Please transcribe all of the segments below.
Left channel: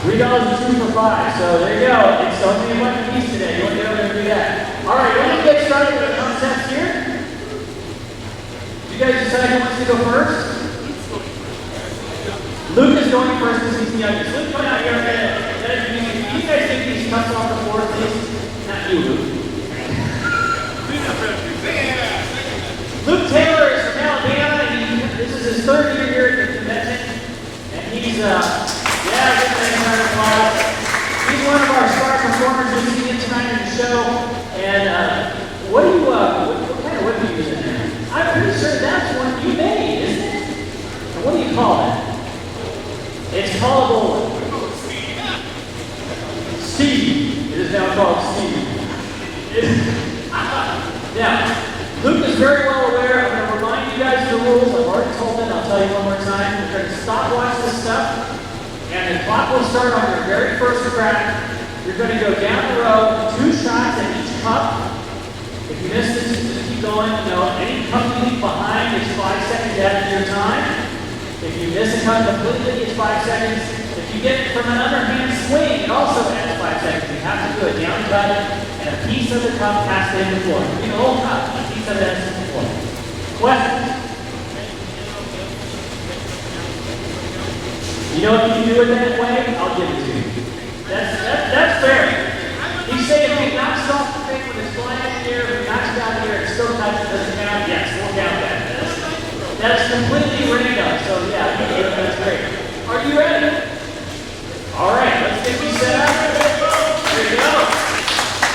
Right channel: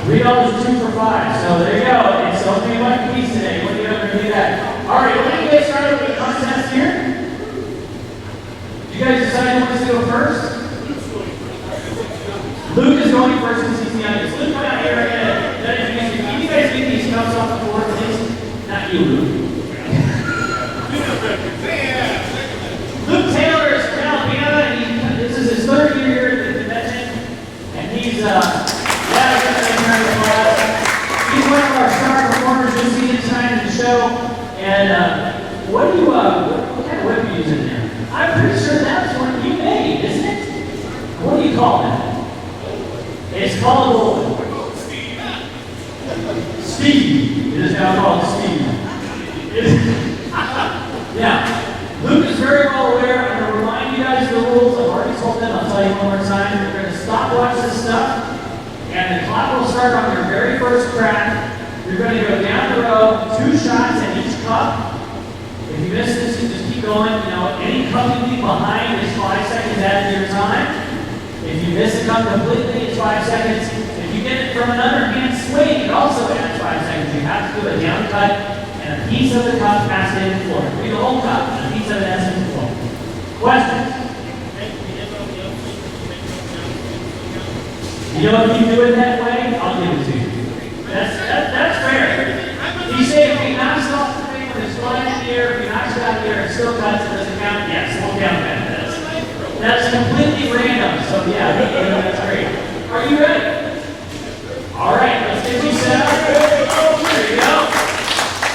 $3 is 2 for 5. So there you go. It's only a bunch of piece today. You want to get over and do that. All right, we're going to get started with the contest here. Did you guys decide who wants to go first? Luke is going first because he's the youngest. Luke, come out here. Can you guys take these cups off the floor, please? Not you, Luke. Luke Taylor is from Alabama. This is his third year here at the convention. And he's, he's one of our star performers. You'll see him tonight in the show. And what kind of whip are you using there? I'm pretty sure that's one you made, isn't it? What do you call it? It's callable Steve. It is now called Steve. Now, Luke is very well aware. I'm going to remind you guys of the rules. I've already told them. I'll tell you one more time. We're going to stopwatch this stuff, and the clock will start on your very first crack. You're going to go down the row, 2 shots at each cup. If you miss this, just keep going. You know, any cup you leave behind is 5 seconds after your time. If you miss a cup completely, it's 5 seconds. If you get it from another hand swing, it also adds 5 seconds. You have to do a down cut, and a piece of the cup has to hit the floor. Read the whole cup, and a piece of it has to hit the floor. Questions? You know, if you do it that way, I'll give it to you. That's fair. You say if he knocks off the thing when it's flying in the air, if he knocks it out of the air, it still cuts, it doesn't count. Yes, we'll count that. That's completely random, so yeah, that's great. Are you ready? All right, let's get you set up. There you go.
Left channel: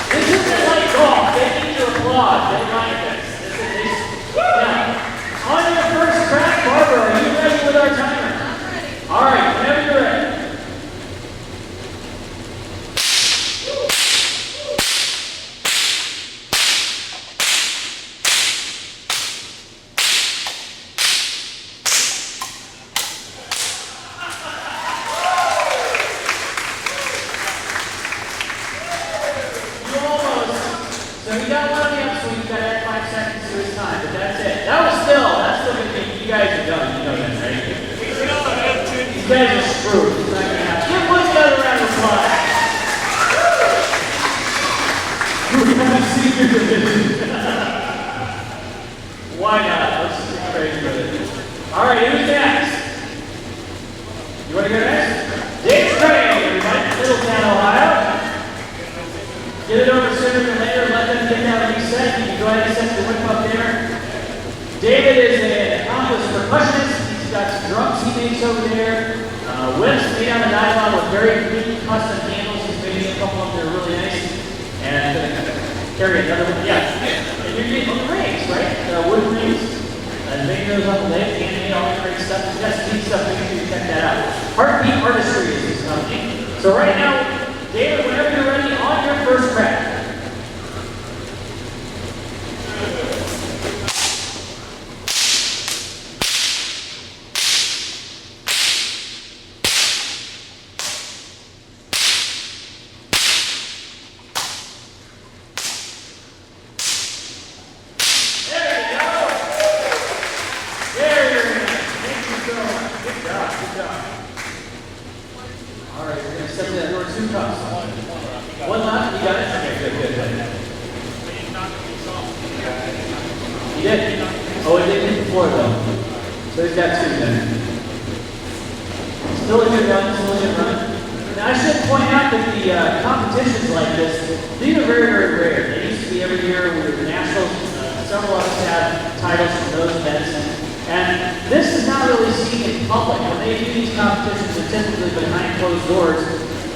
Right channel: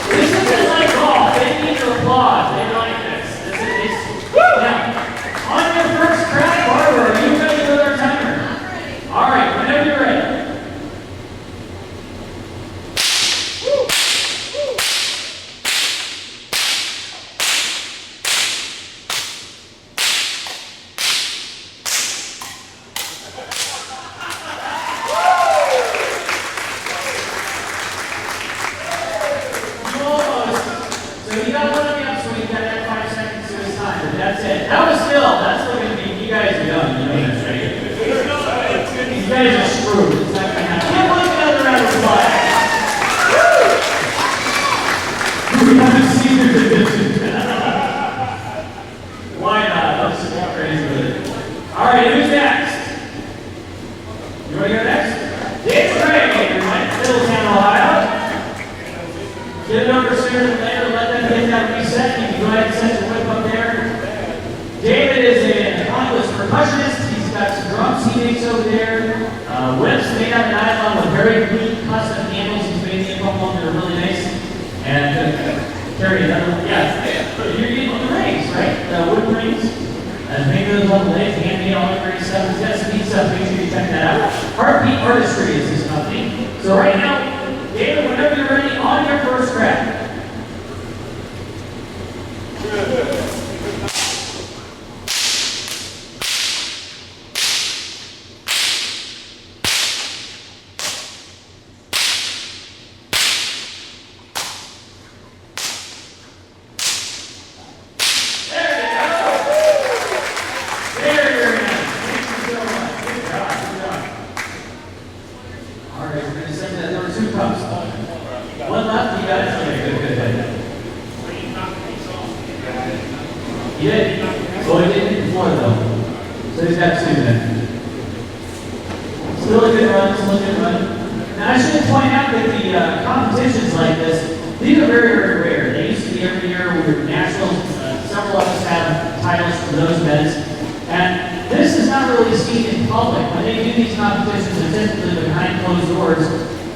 This isn't like golf. They need your applause. They like this. Now, on your first crack, Barbara, are you ready with our timer? I'm ready. All right, whenever you're ready. Why not? Let's just get crazy with it. All right, who's next? You want to go next? Dick Gray, everybody. Middletown, Ohio. Get it over sooner than later. Let them get that reset. You can go ahead and set the whip up there. David is an accomplished percussionist. He's got some drums he makes over there. Whips made out of nylon with very clean custom handles. He's made a couple of them that are really nice. And carry another one. Yeah. You're getting the rings, right? The wood rings. Make those on the leg, handmade, all that great stuff. He's got some neat stuff. Make sure you check that out. Heartbeat Artistry is his company. So right now, David, whenever you're ready, on your first crack.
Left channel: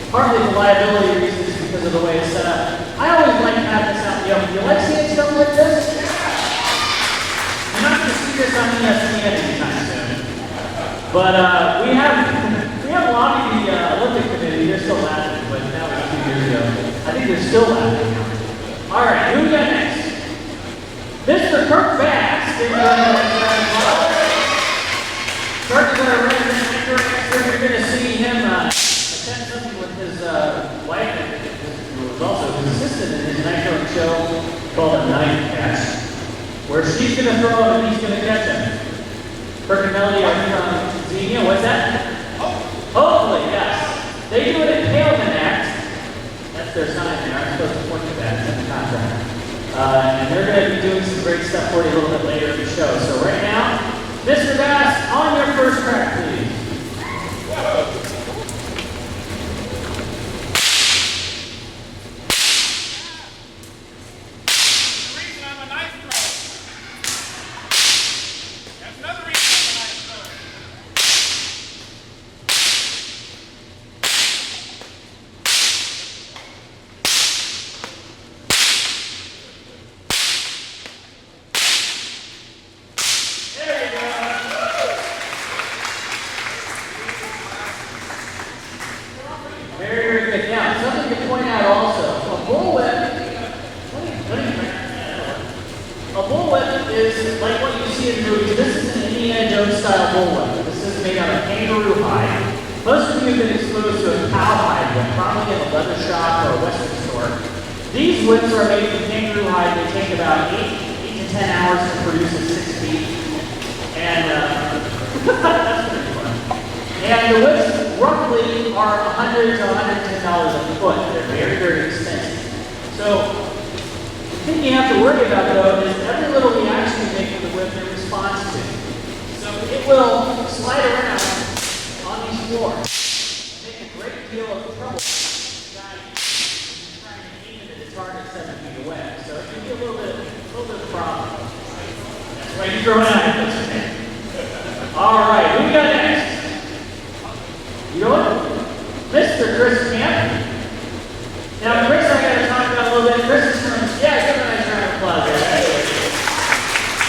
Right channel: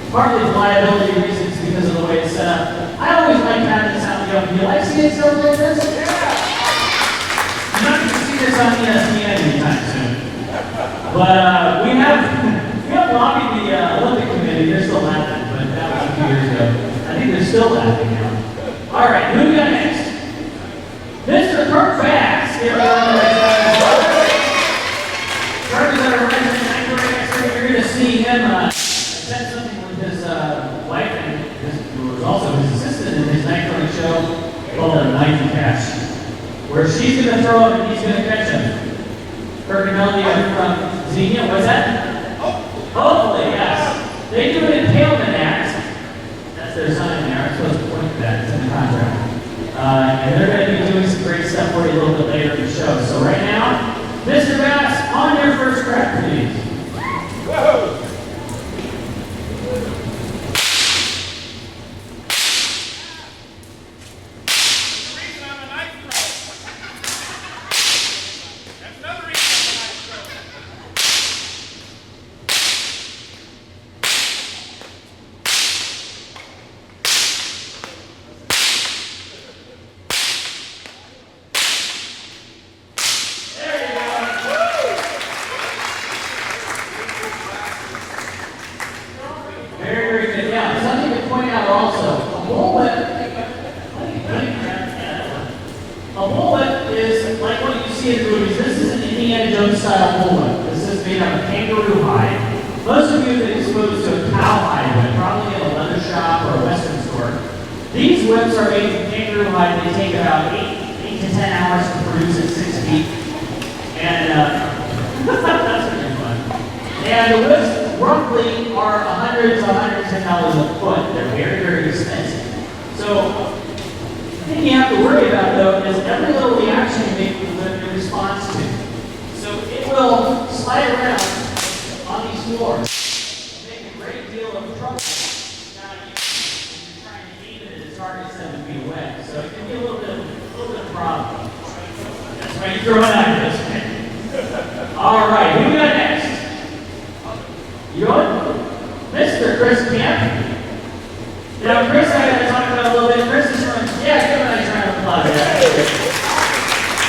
Partly for liability reasons because of the way it's set up. I always like having this out in the open. You like seeing stuff like this? Yeah! You're not going to see this on ESPN anytime soon. But we have lobbied the Olympic Committee. They're still laughing, but that was a few years ago. I think they're still laughing now. All right, who we got next? Mr. Kirk Bass. Kirk is our resident anchor. You're going to see him attend something with his wife and who was also his assistant in his night running show called A Night Catch, where she's going to throw him and he's going to catch him. Kirk and Melody are from Xenia. What's that? Hopefully, yes. They do it And they're going to be doing some great stuff for you a little bit later in the show. So right now, Mr. Bass, on your first crack, please. Whoa. Style bullwhip. This is made out of kangaroo hide. Most of you have been exposed to a cowhide whip, probably in a leather shop or a western store. These whips are made from kangaroo hide. They take about 8 to 10 hours to produce at 6 feet. And that's pretty fun. And the whips roughly are $100 to $110 a foot. They're very, very expensive. So the thing you have to worry about though is every little reaction you make with the whip in response to. So it will slide around on these floors and make a great deal of trouble trying to aim it at a target 7 feet away. So it can be a little bit of a problem. That's why you throw an eye at this. All right, who we got next? You know what? Mr. Chris Camp. Now, Chris, I got to talk about a little bit. Chris is from, yeah, give him a nice round of applause there.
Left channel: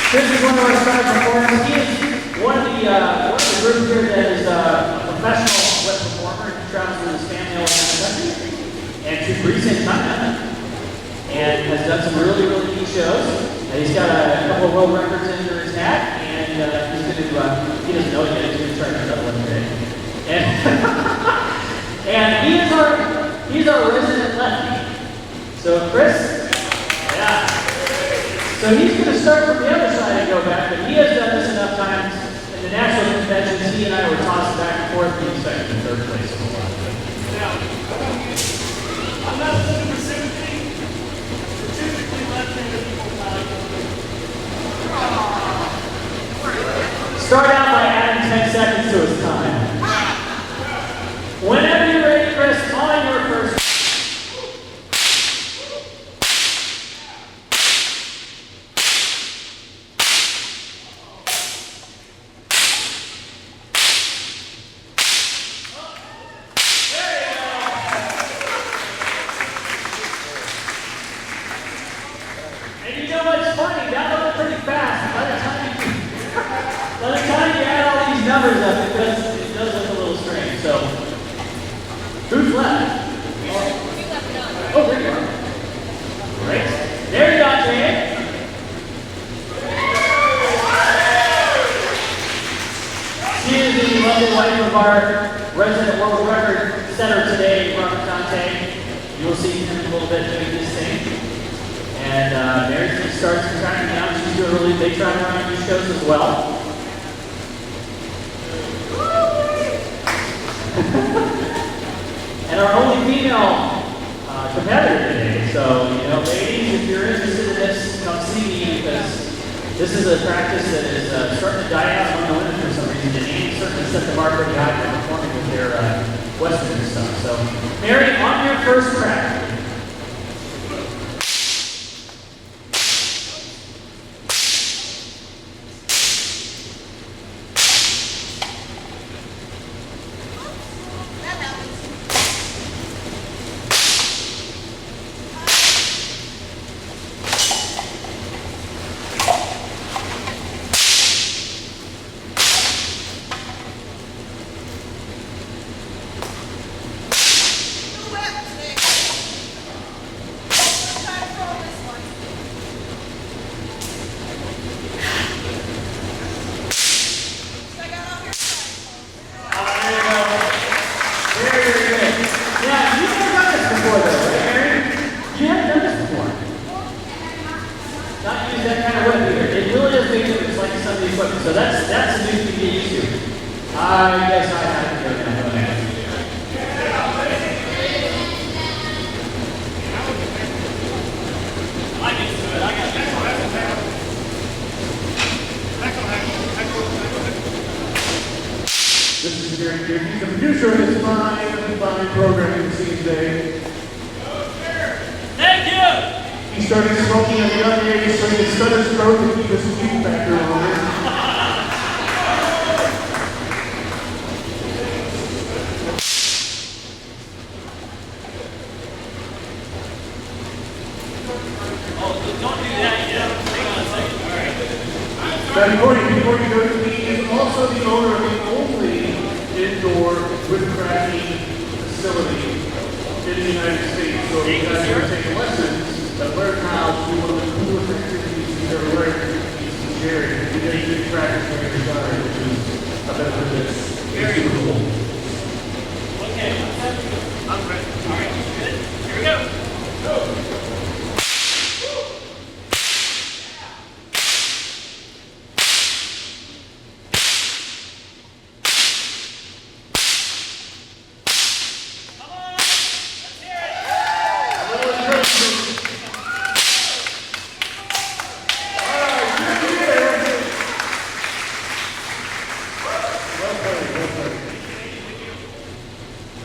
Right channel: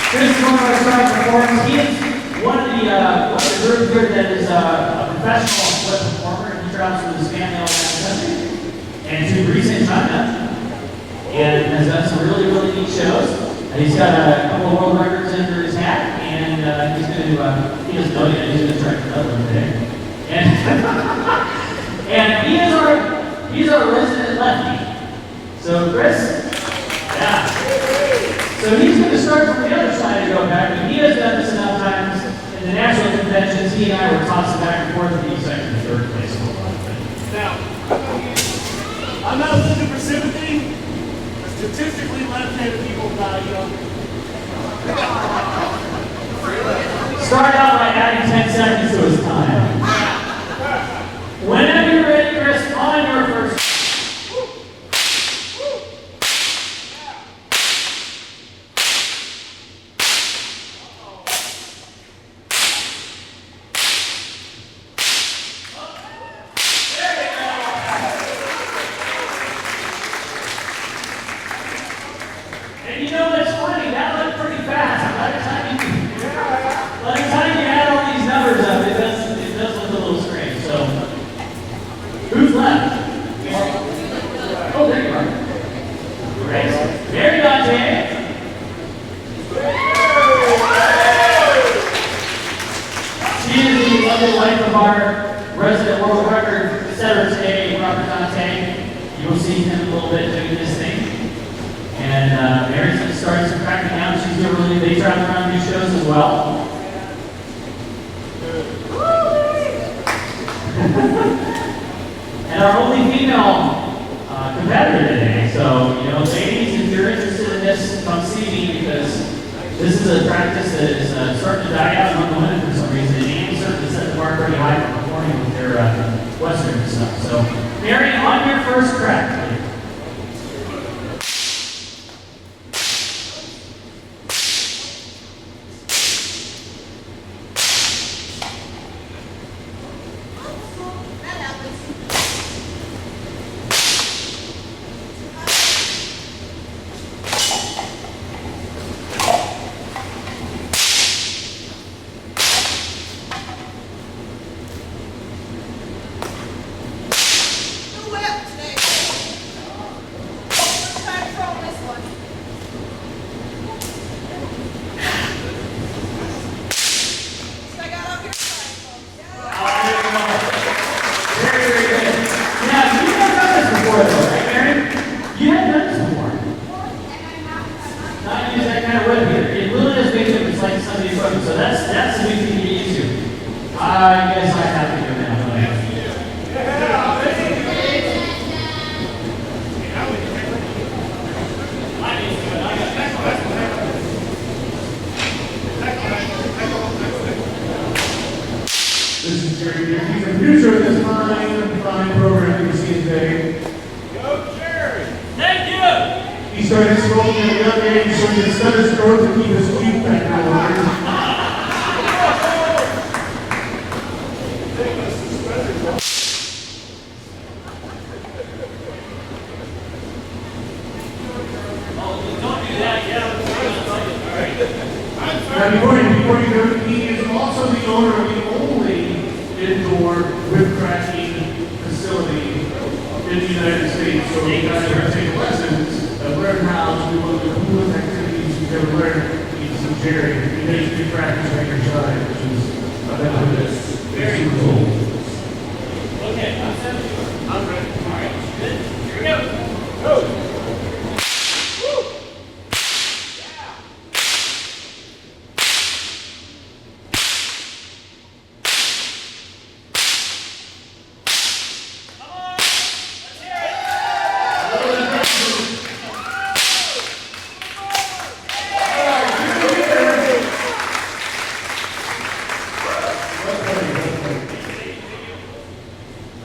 Chris is one of our strong performers. He is one of the group here that is a professional whip performer. He travels with his family all around the country and to Greece and China, and has done some really, really neat shows. And he's got a couple of world records under his hat, and he's going to do he doesn't know yet, he's going to try another one today. And he's our resident lefty. So Chris, yeah. So he's going to start from the other side and go back, but he has done this enough times. In the national conventions, he and I were tossing back and forth between second and third place. Now, I'm not looking for sympathy. Statistically, left-handed people fly younger. Start out by adding 10 seconds to his time. Whenever you're ready, Chris, on your first. Who's left? Oh, there you are. Great. There you are, Jay. She is the lovely wife of our resident world record setter today, Robert Dante. You will see him a little bit doing this thing. And Mary starts tracking out. She's doing really, they track around these shows as well. And our only female competitor today. So, you know, ladies, if you're interested in this, come see me because this is a practice that is starting to die out among the women for some reason. And Annie's starting to set the bar pretty high for performing with their Western stuff. So, Mary, on your first track. producer of this fine program you see today. Go, Gery! Thank you! He started smoking at a young age so he could stunt his throat to keep his sweet factor lower. Now, before you know it, he is also the owner of the only indoor whip cracking facility in the United States. So you guys are taking lessons and learn how to do one of the coolest activities you've ever learned. He's Gery. He makes whip crackers on your side, which is a bit of this. Very cool. Okay, I'm ready. All right, good. Here we go. Go.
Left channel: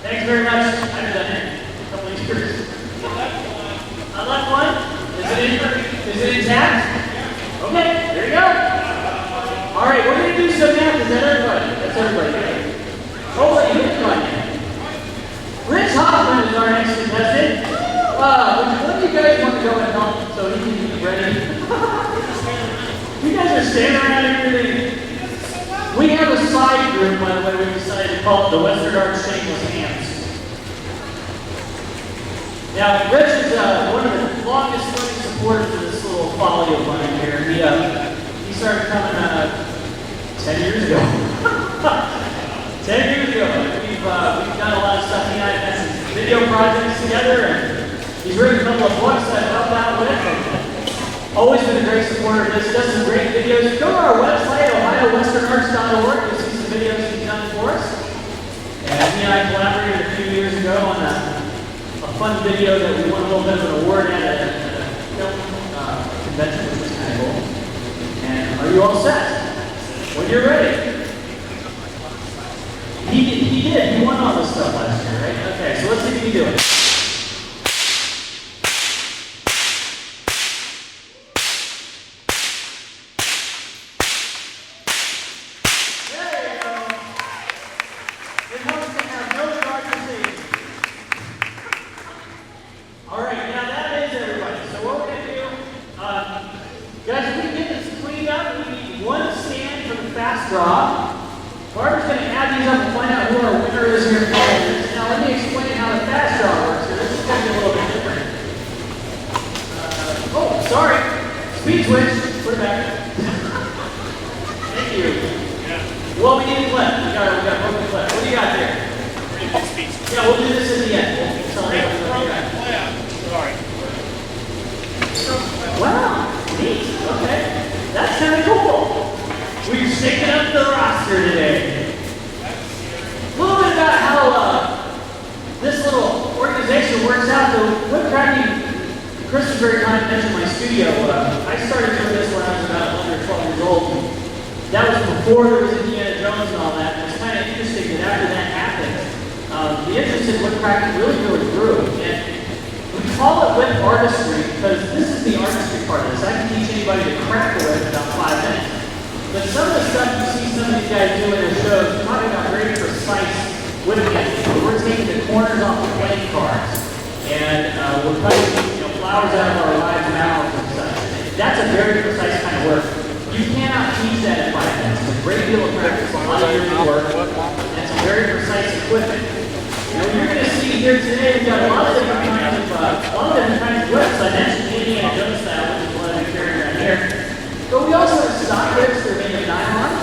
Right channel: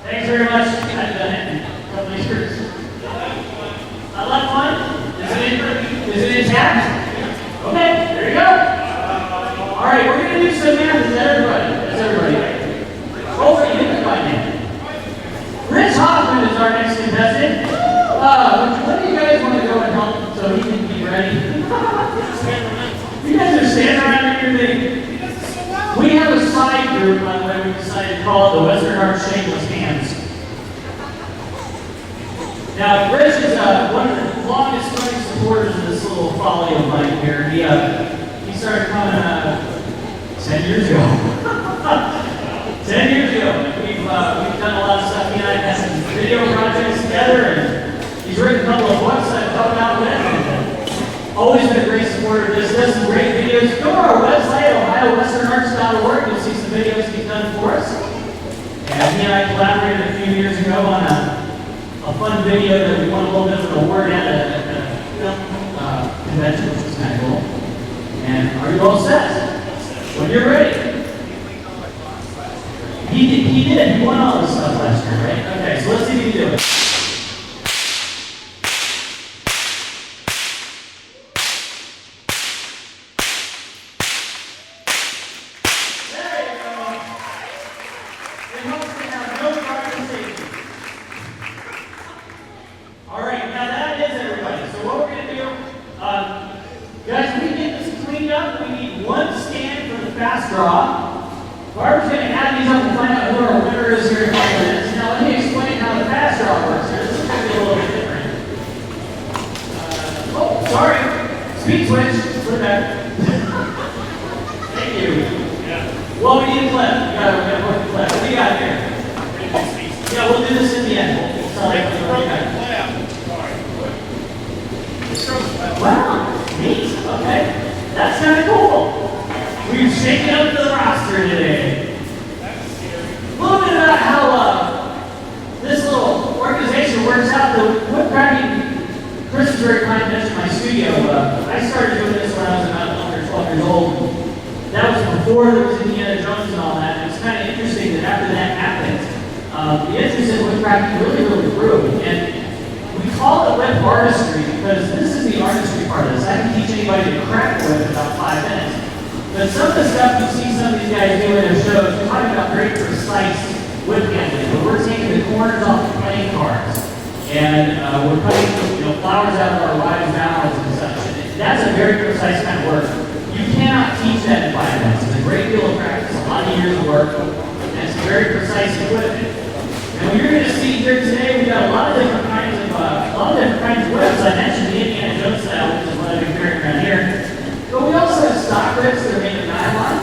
Thanks very much. I've done it a couple of years. I left one. Is it intact? Okay, there you go. All right, we're going to do some math. Is that everybody? That's everybody, right? Oh, wait, you didn't find it. Rich Hoffman is our next contestant. When do you guys want to go and help so he can be ready? You guys are standing around here. We have a side group, by the way, we decided to call it the Western Arts Shameless Hands. Now, Rich is one of the longest running supporters of this little folly of mine here. He started coming 10 years ago. 10 years ago. We've done a lot of stuff. He and I have had some video projects together, and he's written a couple of books I've helped out with. Always been a great supporter of this. Does some great videos. Go to our website, ohiowesternarts.org. You'll see some videos he's done for us. And he and I collaborated a few years ago on a fun video that we won a little bit of an award at a film convention, which was kind of cool. And are you all set? When you're ready. He did. He won all this stuff last year, right? Okay, so let's see if you can do it. Barbara's going to add these up and find out who our winner is here in a couple minutes. Now let me explain how the fast draw works here. This is going to be a little bit different. Oh, sorry. Speed switch. Put it back. Thank you. Yeah. Well, we need a clip. We got to work the clip. What do you got here? Yeah, we'll do this at the end. We'll tell you what we got. Sorry. Wow. Neat. Okay. That's kind of cool. We've shaken up the roster today. A little bit about how this little organization works out. The whip cracking, Chris is very kind to mention my studio. I started doing this when I was about 11 or 12 years old. That was before there was Indiana Jones and all that. And it's kind of interesting that after that happened, the interest in whip cracking really grew. And we call it whip artistry because this is the artistry part of this. I can teach anybody to crack a whip in about 5 minutes. But some of the stuff you see some of these guys do in their shows, we're talking about very precise whip handling. We're taking the corners off the playing cards, and we're cutting flowers out of our lives' mouths and such. That's a very precise kind of work. You cannot teach that in 5 minutes. It's a great deal of practice, a lot of years of work, and it's very precise equipment. And what you're going to see here today, we've got a lot of different kinds of whips. I mentioned the Indiana Jones style, which is what I'm carrying around here. But we also have stock whips that are made of nylon,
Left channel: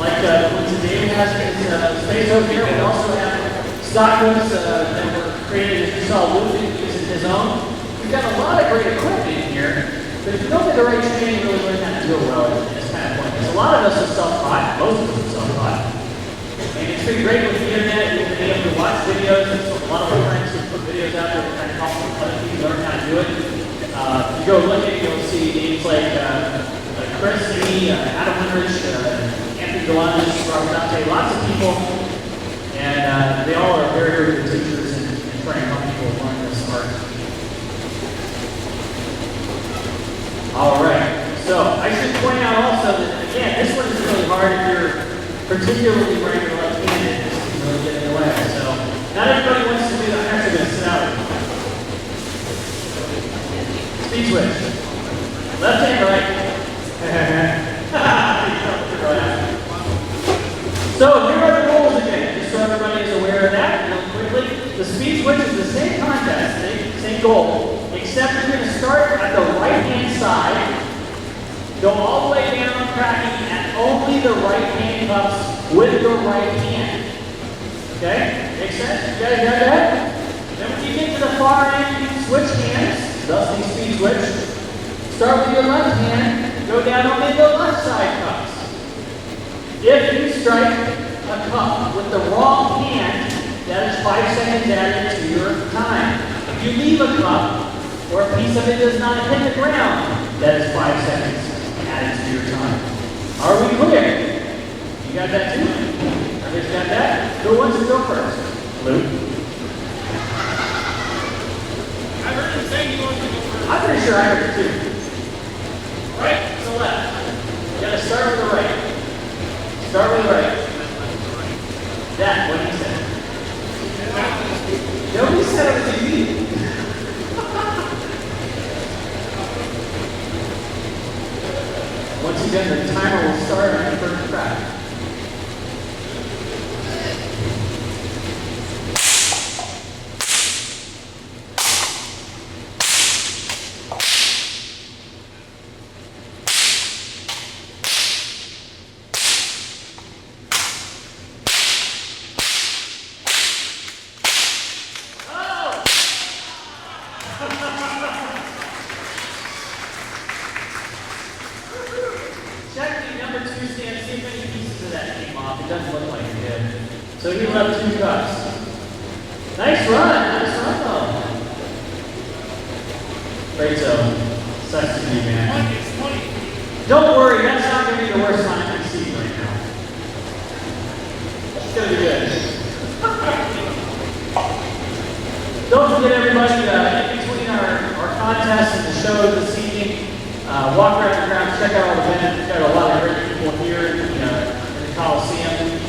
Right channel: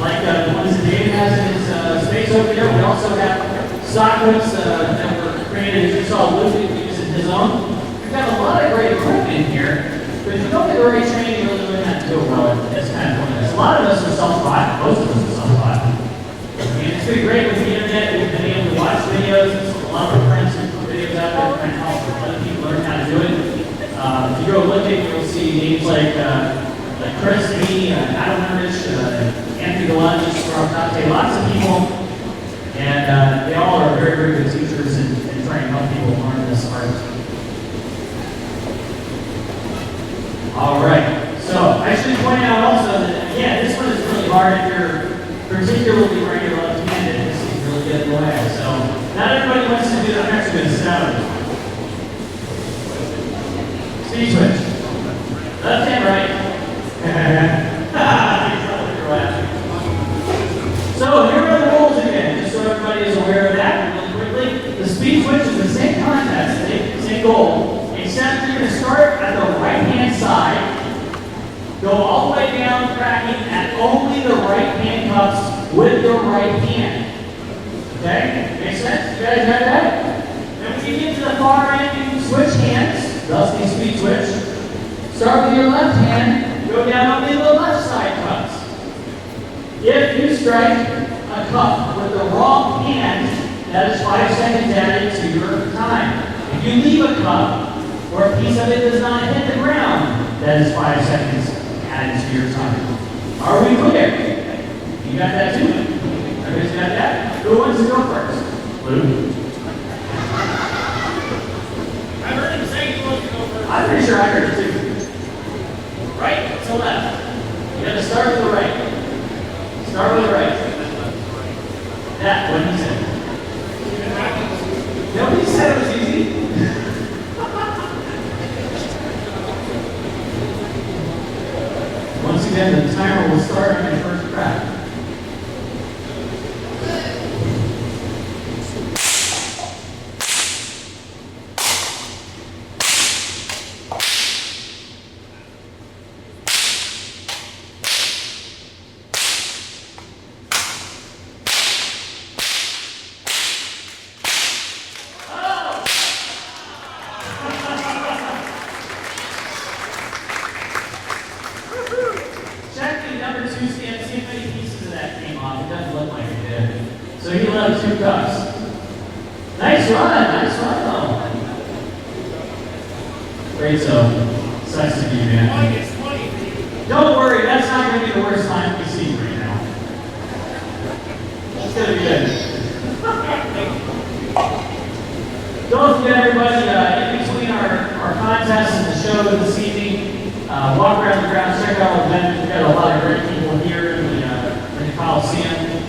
like the ones that David has in his space over here. We also have stock whips that were created, as you saw, Ludwig using his own. We've got a lot of great equipment in here, but if you don't get the right training, you really learn how to do it well. It's kind of pointless. A lot of us are self-taught. Most of us are self-taught. And it's been great with the internet. We've been able to watch videos. A lot of our friends who put videos out there and help other people learn how to do it. If you go looking, you'll see names like Chris, me, Adam Winrich, Anthony Gallant, Robert Dante, lots of people particularly where you're left-handed, this can really get in the way. So not everybody wants to do that. I'm actually going to sit out. Speed switch. Left hand, right. So here are the rules again, just so everybody is aware of that really quickly. The speed switch is the same contest, same goal, except you're going to start at the right-hand side, go all the way down, cracking at only the right handcuffs with the right hand. Okay? Make sense? You guys got that? Then when you get to the far end, you can switch hands, thus the speed switch. Start with your left hand, go down only the left side cuffs. If you strike a cup with the wrong hand, that is 5 seconds added to your time. If you leave a cup or a piece of it does not hit the ground, that is 5 seconds added to your time. Are we clear? You got that too? Everybody's got that? Who wants to go first? Luke? I heard him say he wants to go first. I'm pretty sure I heard it too. Right to left. You gotta start with the right. Start with the right. That, what he said. Nobody said it was easy. Once again, the timer will start on your first crack. Check the number 2 stand, see if any pieces of that came off. It doesn't look like it did. So he left 2 cups. Nice run though. Great zone. Sucks to be, man. It's 20. Don't worry, that's not going to be the worst time we see right now. It's going to be good. Don't forget everybody, in between our contests and the show this evening, walk around the grounds, check out our event. We've got a lot of great people here in the Coliseum.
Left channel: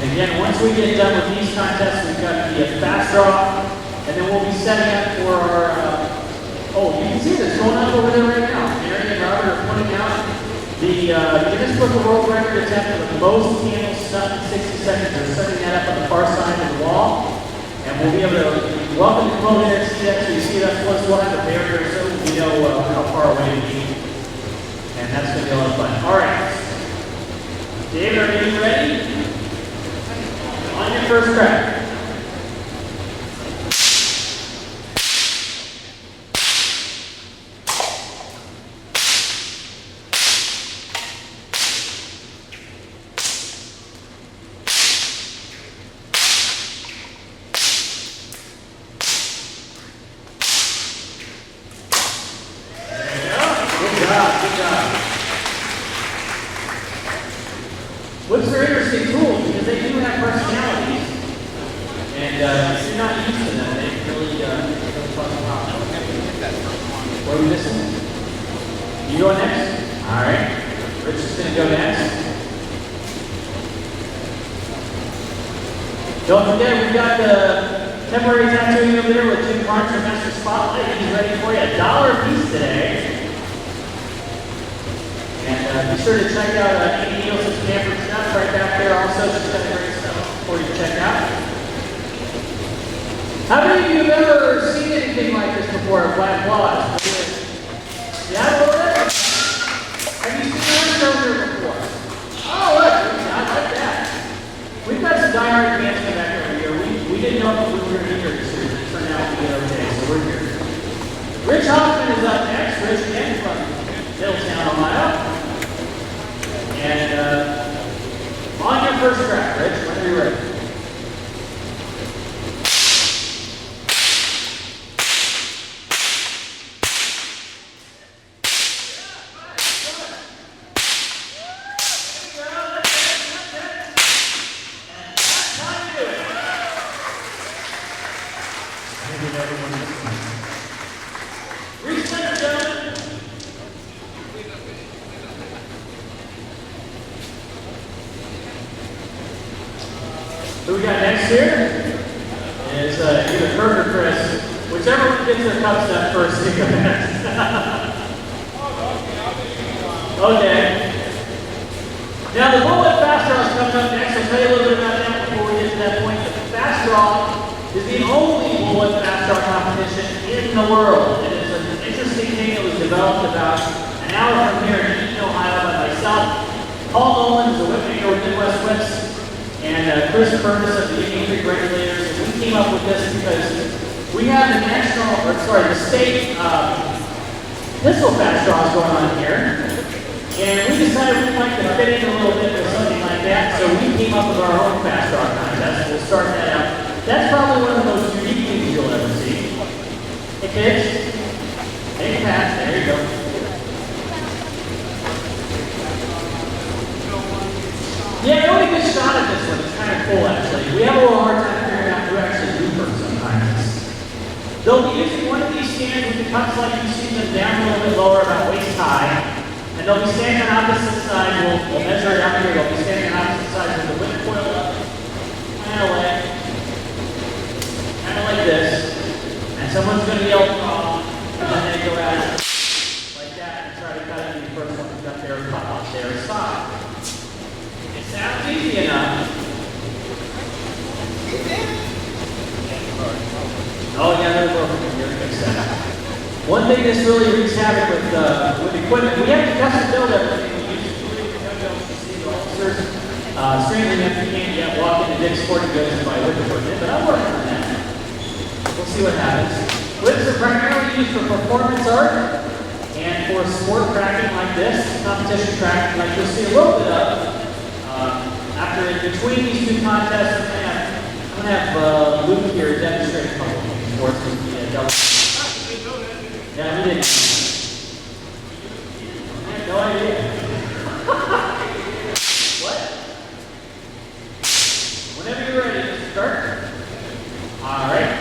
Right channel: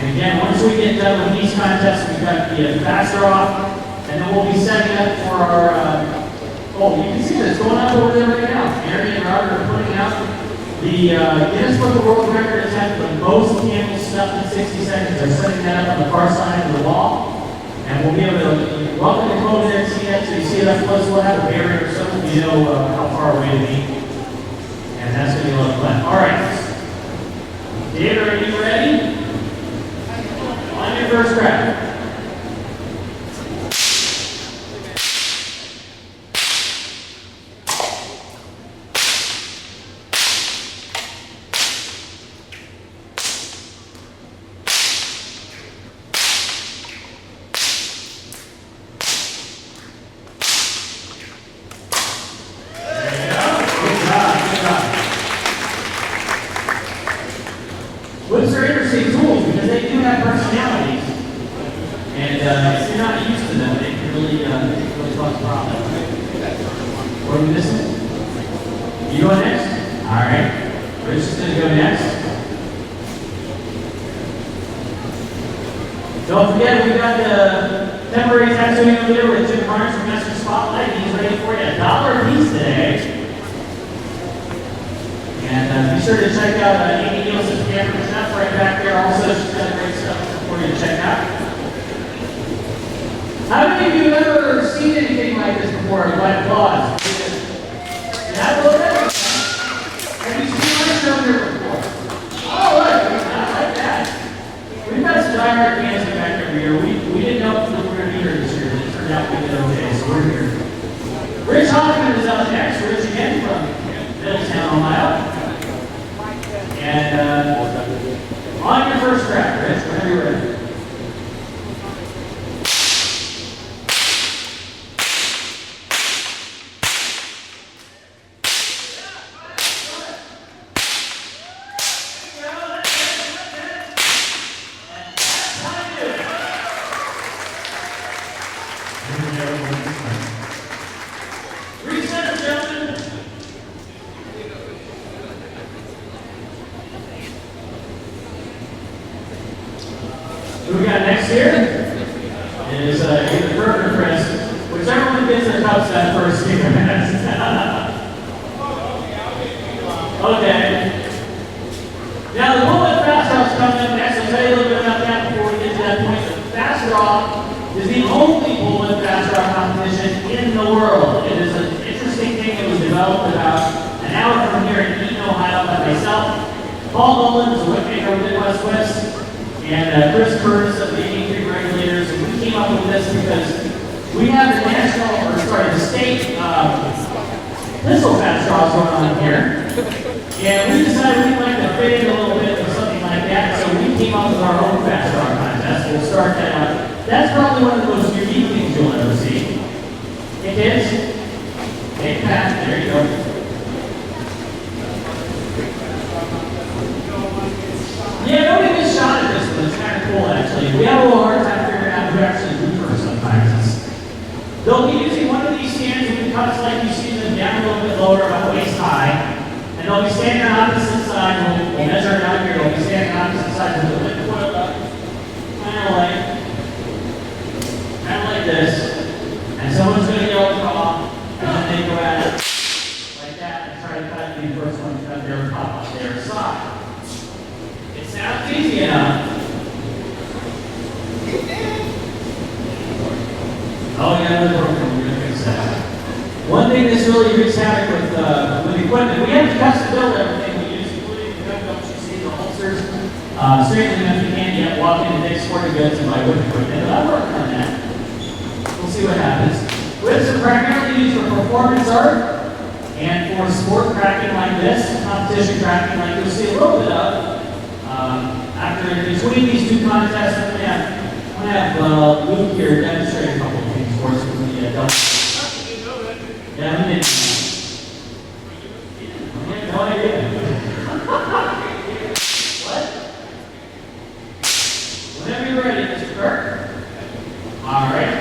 And again, once we get done with these contests, we've got the fast draw, and then we'll be setting up for our, oh, you can see this going on over there right now. Aaron and Robert are putting out the Guinness Book of World Record attempt for the most candles stuffed in 60 seconds. They're setting that up on the far side of the wall. And we'll be able to welcome you come in there and see that. So you see that, plus we'll have a barrier so we know how far away to be. And that's going to be a lot of fun. All right. David, are you ready? On your first crack. What's their interesting tools? Because they do have personalities. And if you're not used to them, they can really cause problems. What are you missing? You go next? Alright. Rich is going to go next. Don't forget, we've got the temporary tattooing over there with Jim Carnes from Master Spotlight. He's ready for you. $1 a piece today. And be sure to check out Annie Oakley Western Showcase right back there. Also, she's got great stuff for you to check out. How many of you have ever seen anything like this before? Black Claws? Yeah, well, have you seen us over here before? Oh, look, not like that. We've got some diehard fans back every year. We didn't know if we were going to be here this year, but it turned out we did okay, so we're here. Rich Hoffman is up next. Rich again from Middletown, Ohio. And on your first crack, Rich, whenever you're ready. Reset, gentlemen. here is either Kurt or Chris. Whichever one gets their cups done first, you go next. Okay. Now the bullet fast draw is coming up next. I'll tell you a little bit about that before we get to that point. The fast draw is the only bullet fast draw competition in the world. It is an interesting thing that was developed about an hour from here in Eaton, Ohio by myself. Paul Nolan is a whipmaker with Midwest Whips, and Chris Curtis of the 83 Regulators. And we came up with this because we have the state pistol fast draws going on here. And we decided we'd like to fit in a little bit with something like that, so we came up with our own fast draw contest. We'll start that out. That's probably one of the most unique things you'll ever see. Hey kids, hey Pat, there you go. Yeah, nobody gets shot at this one. It's kind of cool actually. We have a little hard time figuring out who actually do them sometimes. They'll be using one of these stands with the cups like you see them down a little bit lower, about waist high. And they'll be standing on opposite sides. We'll measure it out here. They'll be standing on opposite sides with the wind coiled up, kind of like this. And someone's going to yell "call," and then they go at it like that and try to cut it. The first one's got their cut off their side. It sounds easy enough. Oh yeah, we're going to fix that. One thing that's really wreaks havoc with equipment, we have to custom build everything. We use including the gun belts, you see the holsters. Certainly if you can't yet walk into Dick's Sporting Goods and buy whip equipment, but I'm working on that. We'll see what happens. Whips are primarily used for performance art and for sport cracking like this, competition cracking like you'll see a little bit of. After in between these two contests, I'm going to have Luke here demonstrate a couple of things for us with the double. Yeah, he didn't. I have no idea. What? Whenever you're ready, Mr. Kirk. All right.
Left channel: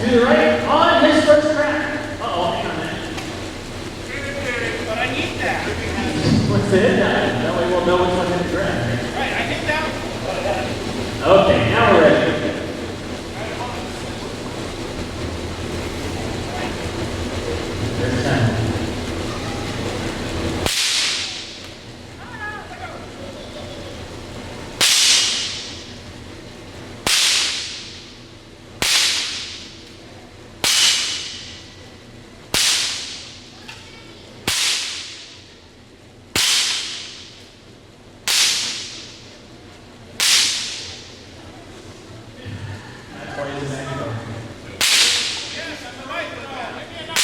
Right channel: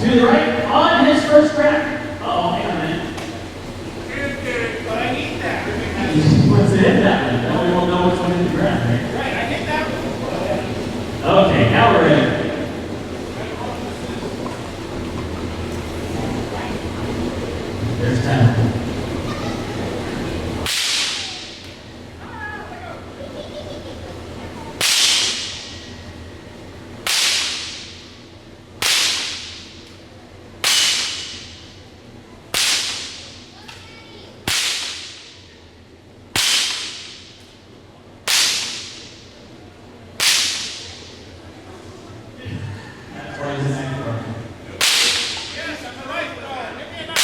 To the right on his first crack. Uh-oh, hang on a minute. But I need that. What's the hit that? That way we'll know which one hit the ground, right? Right, I hit that one. Okay, now we're ready. There's 10. That's what he's saying. Yes, I'm the right one. Give me a knife.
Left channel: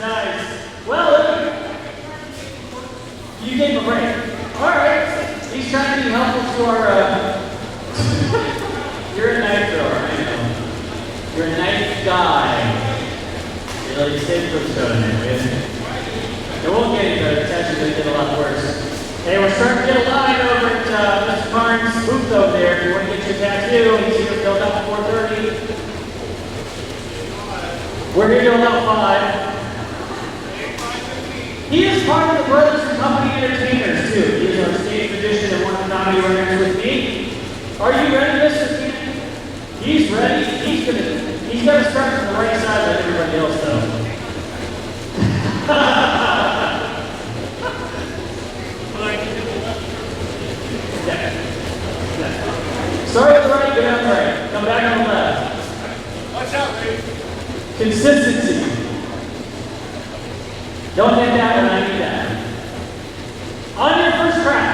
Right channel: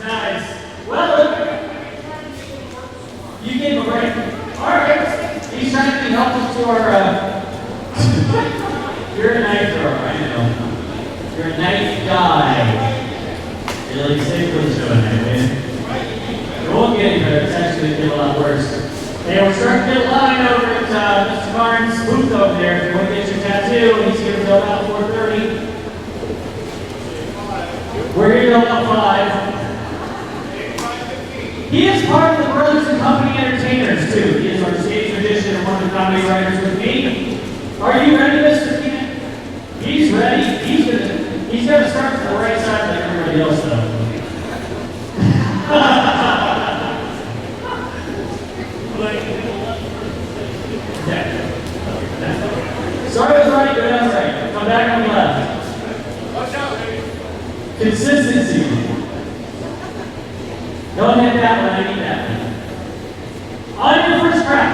Nice. Well, you gave a break. All right. He's trying to be helpful to our. You're a knife thrower, I know. You're a knife guy. You're like safe for the show tonight, man. It won't get any better. It's actually going to get a lot worse. Hey, we're starting to get a line over at Mr. Barnes' booth over there. If you want to get your tattoo, he's here till about 4:30. We're here till about 5. He is part of the Brothers and Company Entertainers, too. He is our stage musician and one of the comedy writers with me. Are you ready, Mr. Keenan? He's ready. He's gonna start from the right side like everybody else, though. Sorry, I was right. Go down the right. Come back on the left. Watch out, lady. Consistency. Don't hit that one. I need that. On your first crack.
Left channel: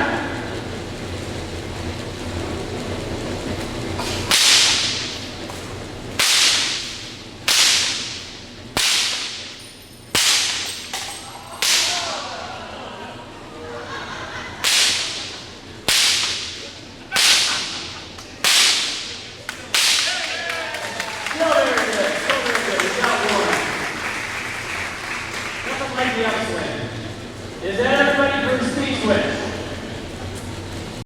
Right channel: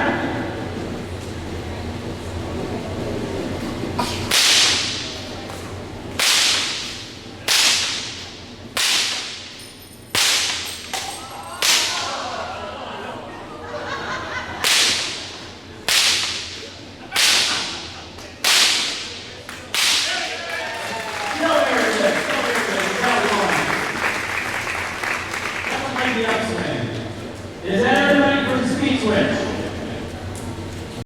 Still very good. You got one. Nothing like the upswing.